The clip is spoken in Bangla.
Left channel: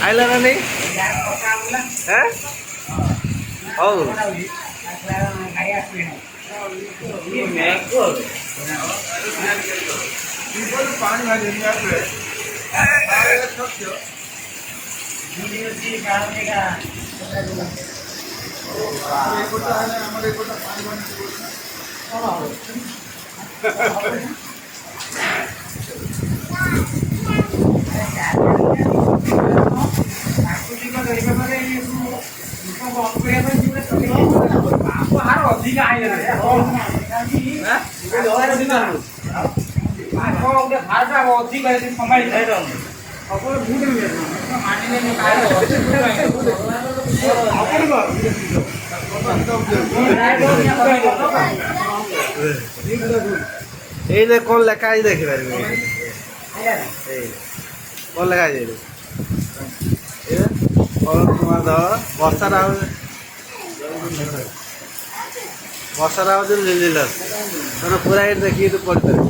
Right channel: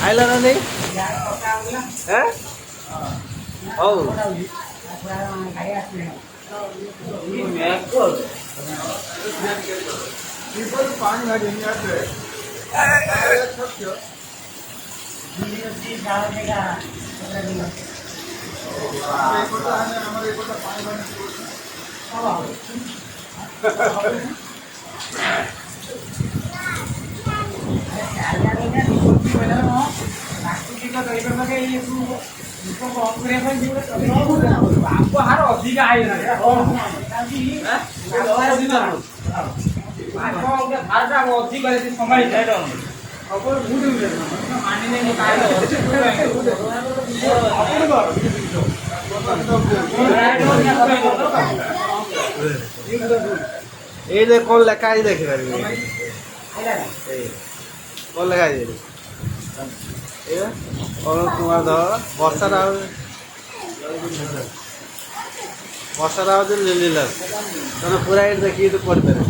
ଆଇଲା ନା ନାଇଁ? ହଉ पानी हार अधिक अधिक संभाली এই কোন লেখা আছে দেখি পারবি কোন লেখা আছে অরুণ কুমার ধর বর্ষা রাও লীলা ତମେ ପୁରା ଏଇଠି ଦେଖିକି ତୁ ପଢ଼ିପାରିବୁ।